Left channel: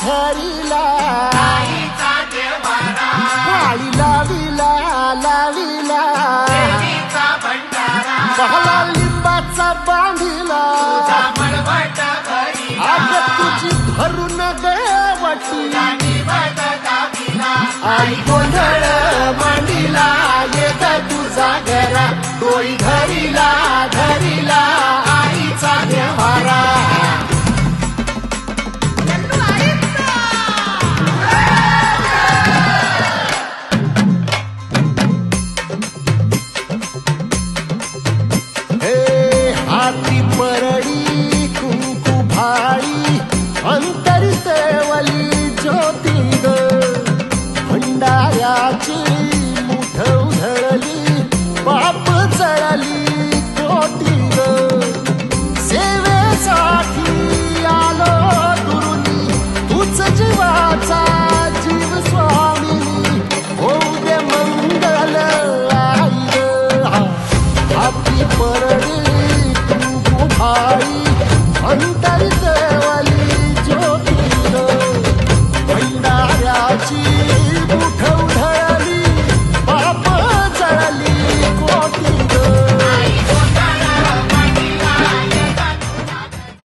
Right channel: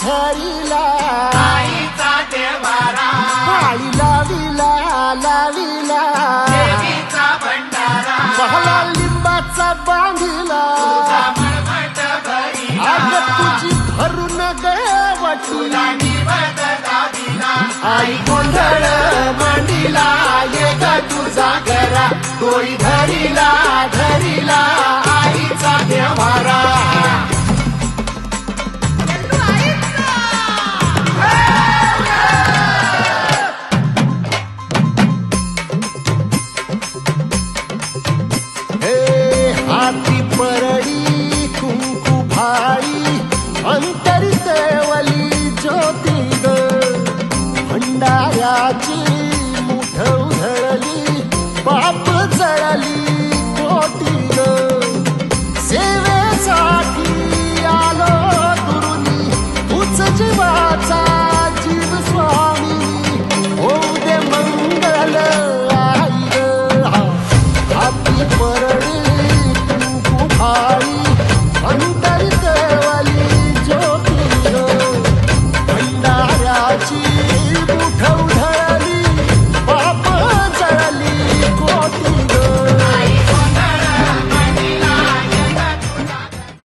झरीला काळी लावीला लावीला पहला लिंबाचा बांधिला आग तुझी भरून गवटी आई गोंधळ मांडीला ये ग तुझा घरा डोळी धरीला धरीला आईचा देवारा हाती परडी कुंकू भाळी अंतरितवली ज्योती ग भंडाऱ्याची मुठ उधळली पाप जळली कोटी ग सेवेसाठी आलो दुरुनी तूच जीवाचा जीव स्वामिनी होऊ दे मंगल आई ग हाती परडी भाई अंतरितवली ज्योती भंडाऱ्याची मुठ उधळली